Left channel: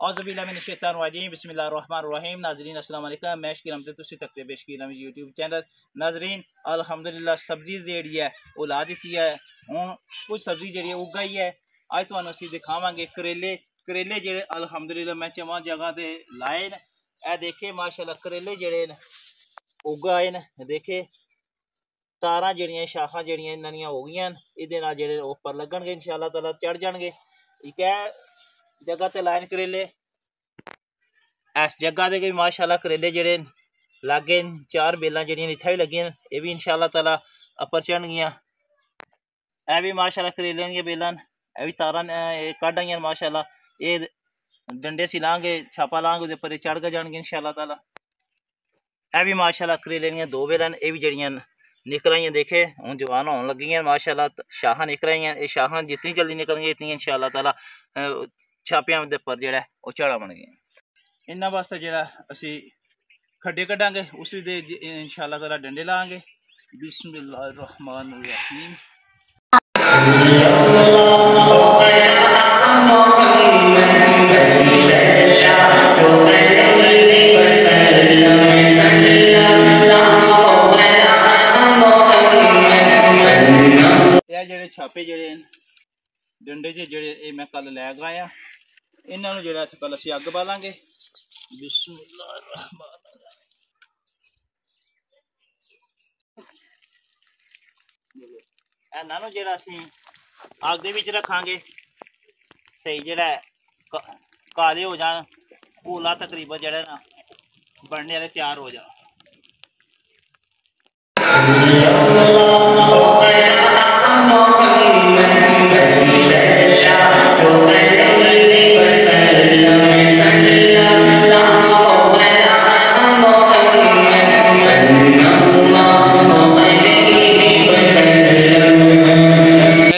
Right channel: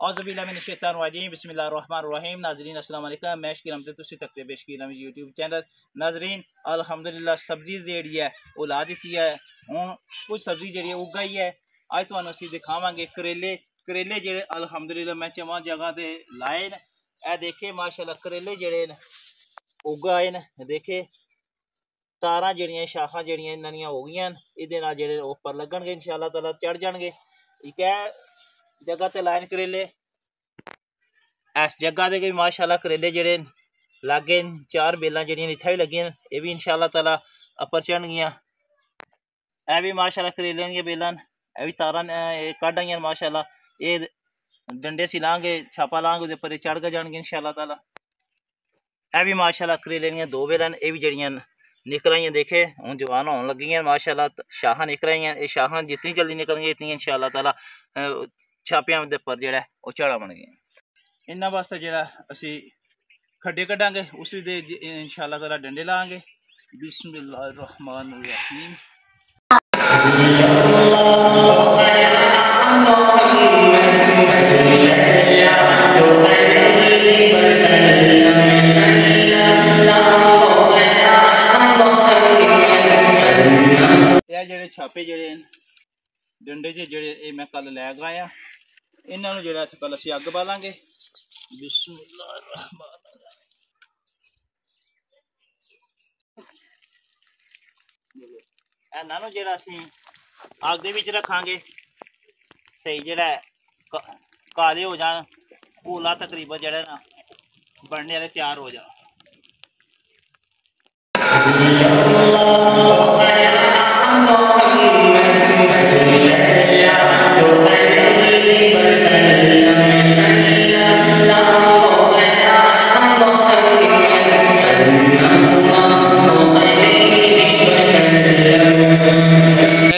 औज़ुबिल्लाहिमिनश्शैतानिर्रजीम बिस्मिल्लाहिर्रहमानिर्रहीम। नाज़रीन अस्सलाम वालेकुम। मैं शकील अहमद तुसी तक बेशकील हम यूट्यूब चैनल। नाज़रीन अल्हम्दुलिल्लाह सब्जी जेड़ी है वो ला दी है। हुण कुछ सब्जी जेड़ी है उगाई है। अज तुहानू असीं दिखावांगे करेले। करेले जेड़े अल्हम्दुलिल्लाह मैं चवां जगह ते लाए न। ए देखे माशाअल्लाह करेले जेड़े न उगाए न। देखे तारां जेड़ियां शाखां जेड़ियां ननियां हो गईयां न। इहदे नाल जेड़े उपर लगणगे इंशाअल्लाह ताला चढ़ जाणगे। ठीक है जगह ते लाए करेले। इस जगह ते भी माशाअल्लाह करेले जेड़े लागे चार बेलां जेड़ियां इत्थै भी लगियां न। एह् भी इंशाअल्लाह ताला उप्पर चढ़नगियां। एह् भी माशाअल्लाह करेले दियां बेलां न। एह् भी तारां कड्ढ आइयां माशाअल्लाह। एह् डंडे सी लांगे छापा लांगे ओह्दे उप्पर चढ़ गै जाणगे इंशाअल्लाह ताला। एह् भी माशाअल्लाह करेले दियां दो बेलां न। एह् भी जेड़ियां निकल आइयां देखे हुण जवान होन लगियां माशाअल्लाह। शाखां निकल आइयां। एह् शाखां जितनी जल्दी निकलणगियां इतनी इंशाअल्लाह ताला छापियां दे उप्पर जेह्ड़ा ओह् चढ़ा बनगे। इन्हां वास्ते जेह्ड़ा असीं खड्डे कड्ढांगे उस दे इंशाअल्लाह ताला डंडे लांगे। बिस्मिल्लाहिर्रहमानिर्रहीम। जेड़े छापे जेड़े डंडे जेड़े मैं कल लै गया इन्होंने जेड़ा कल असीं अग बालांगे। इन्हां नूं जेड़ा असीं अग दे विच रखांगे सही जेड़ा काले हो जान भूला तकरीबन जेड़ा ना बनने वाले तैयार हो जान।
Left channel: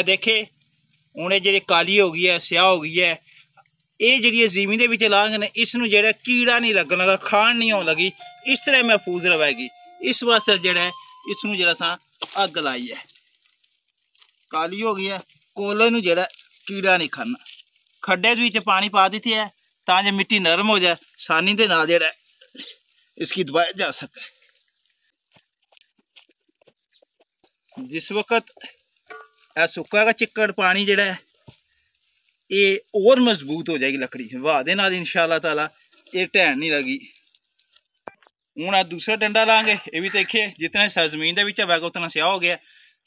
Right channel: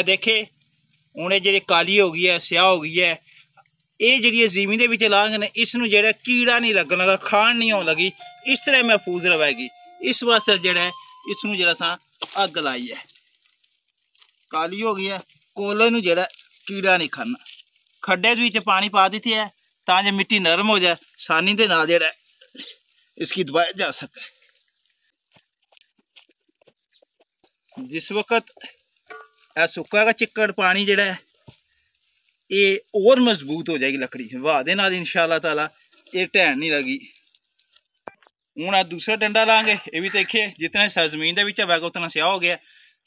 देखे हूँ जी काली हो गई है स्याह हो गई है। ये जी ज़मीन के लांग ने इसनों जो कीड़ा नहीं लगन लगा खान नहीं आने लगी इस तरह महफूज रहेगी। इस वास्ते जड़ा इसनों जरा अग लाई है काली हो गई है कोले नूं जड़ा कीड़ा नहीं खाना। खड्डे विच पानी पा दी है ताकि मिट्टी नरम हो जाए आसानी के नाल जड़ा इसकी दबाया जा सके। जिस वक्त सुक्का का चिक्कड़ पानी जड़ा है ये और मजबूत हो जाएगी लकड़ी हवा दे नाल इंशाअल्लाह ताला ये ढैन नहीं लगी। हूँ आ दूसरा डंडा लांगे ये भी देखिए जितना जमीन के विच होगा उतना स्याह हो गया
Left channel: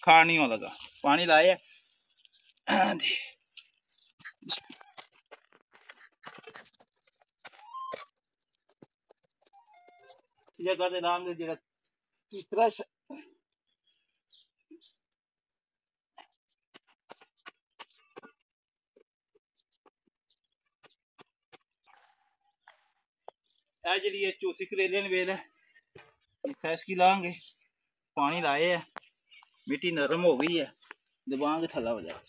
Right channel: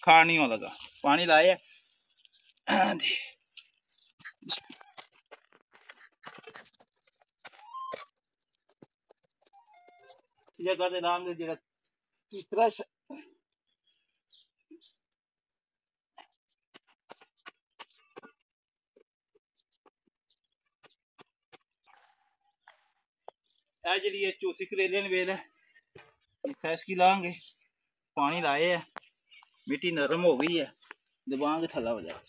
खान नहीं होने लगा। पानी लाए जगह लांगे जरा तीसरा जी चौथी करेले वेल है इतना इसकी लाएंगे पानी लाए है मिट्टी नरम हो गई है दबाएंगे थल्ला हो जाए।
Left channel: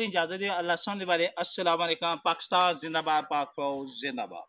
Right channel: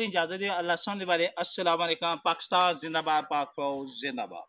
इजाजत दें। अल्लाह सुनने वाले अस्सलाम वालेकुम। पाकिस्तान जिंदाबाद, पाक फौज जिंदाबाद।